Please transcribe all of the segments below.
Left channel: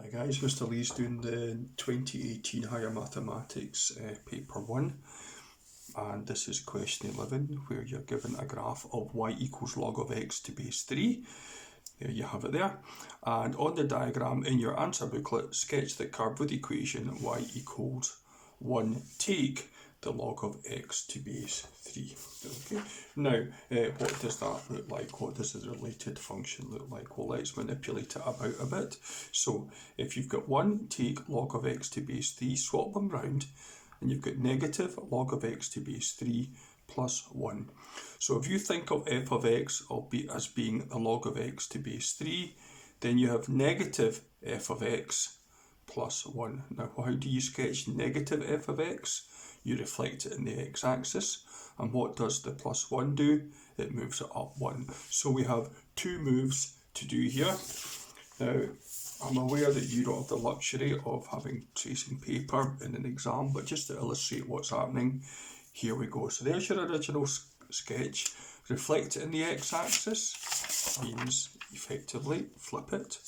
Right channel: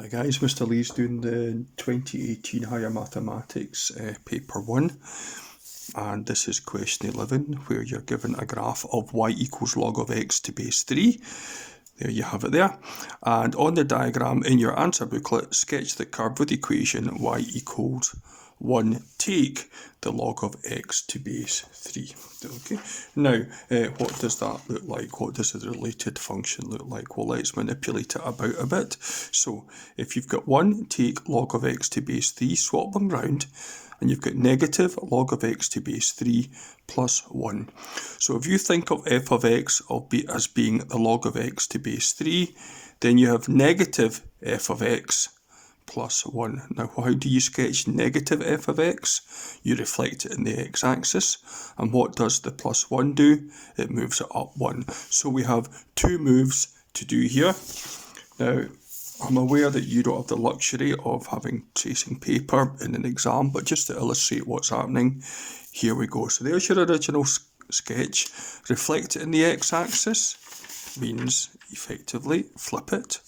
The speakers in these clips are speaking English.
Hi guys, Mr. Lee's doing the 2018 Higher Mathematics paper 1, and this is question 11 where you're given a graph of y equals log of x to base 3. There you have it there. And on the diagram in your answer booklet, sketch the curve with the equation y equals 1 take the log of x to base 3. Okay. Now, what does that look like? What does the related function look like? Well, let's manipulate it about a bit. So, if you've got 1 take log of x to base 3, swap them round, and you've got negative log of x to base 3 plus 1. So if you think of f of x as being the log of x to base 3, then you have negative f of x plus 1. Now, how do you sketch negative f of x? You reflect it in the x-axis. And what does the plus 1 do? It moves it up 1. So we have two moves to do here. Now, I'm aware that you don't have the luxury of having tracing paper in an exam, but just to illustrate what's happening, here we go. So there's your original sketch. Reflect it in the x-axis means effectively flip it.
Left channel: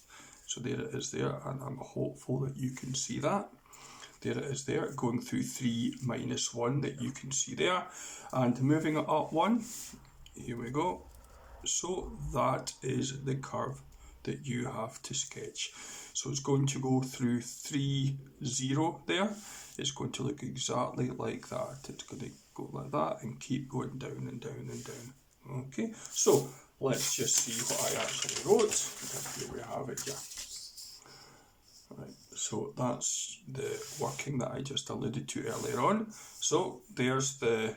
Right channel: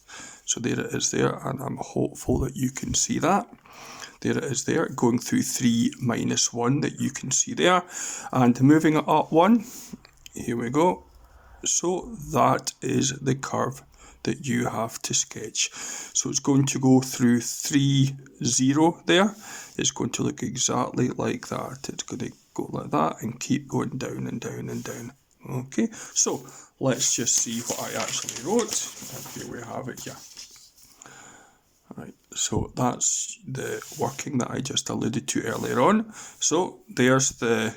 So there it is there, and I'm hopeful that you can see that. There it is there, going through 3 minus 1 that you can see there. And moving it up 1, here we go. So that is the curve that you have to sketch. So it's going to go through 3, 0 there. It's going to look exactly like that. It's going to go like that and keep going down and down and down. Okay, so let's just see what I actually wrote. And here we have it here. Right, so that's the working that I just alluded to earlier on. So there's the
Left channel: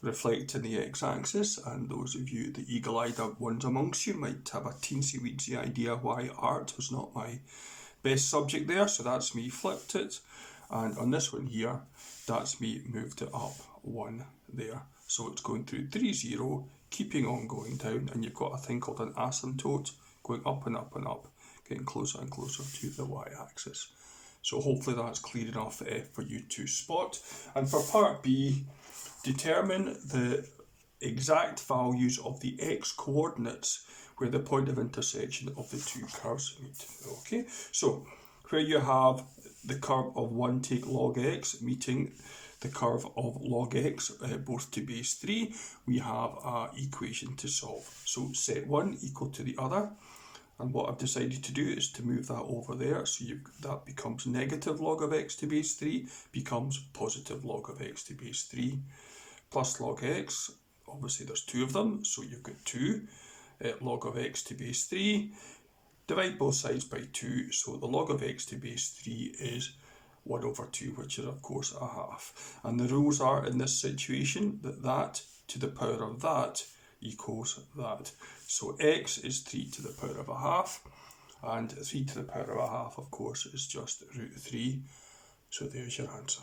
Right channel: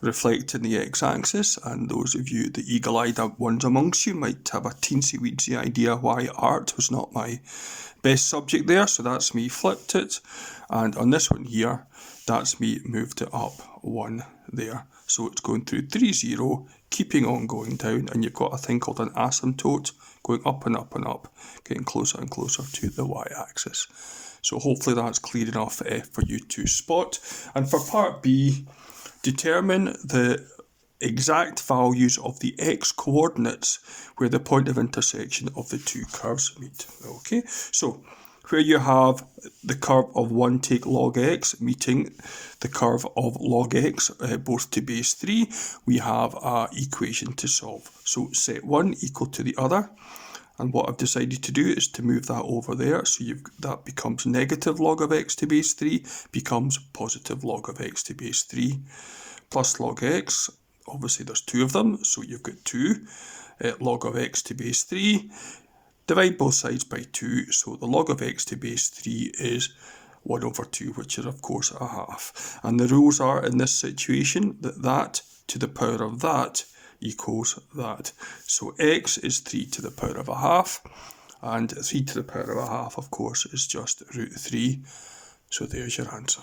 reflect in the x-axis, and those of you, the eagle-eyed ones amongst you, might have a teensy-weensy idea why art was not my best subject there. So that's me flipped it, and on this one here, that's me moved it up 1 there. So it's going through 3, 0, keeping on going down, and you've got a thing called an asymptote going up and up and up, getting closer and closer to the y-axis. So hopefully that's clear enough for you to spot. And for part B, determine the exact values of the x-coordinates where the point of intersection of the two curves meet. Okay, so where you have the curve of 1 take log x meeting the curve of log x, both to base 3, we have an equation to solve. So set one equal to the other, and what I've decided to do is to move that over there, so that becomes negative log of x to base 3, becomes positive log of x to base 3, plus log x, obviously there's two of them, so you've got 2 log of x to base 3, divide both sides by 2, so the log of x to base 3 is 1 over 2, which is of course a half. And the rules are in this situation that that to the power of that equals that. So x is 3 to the power of a half, and 3 to the power of a half, of course, is just root 3. So there's your answer.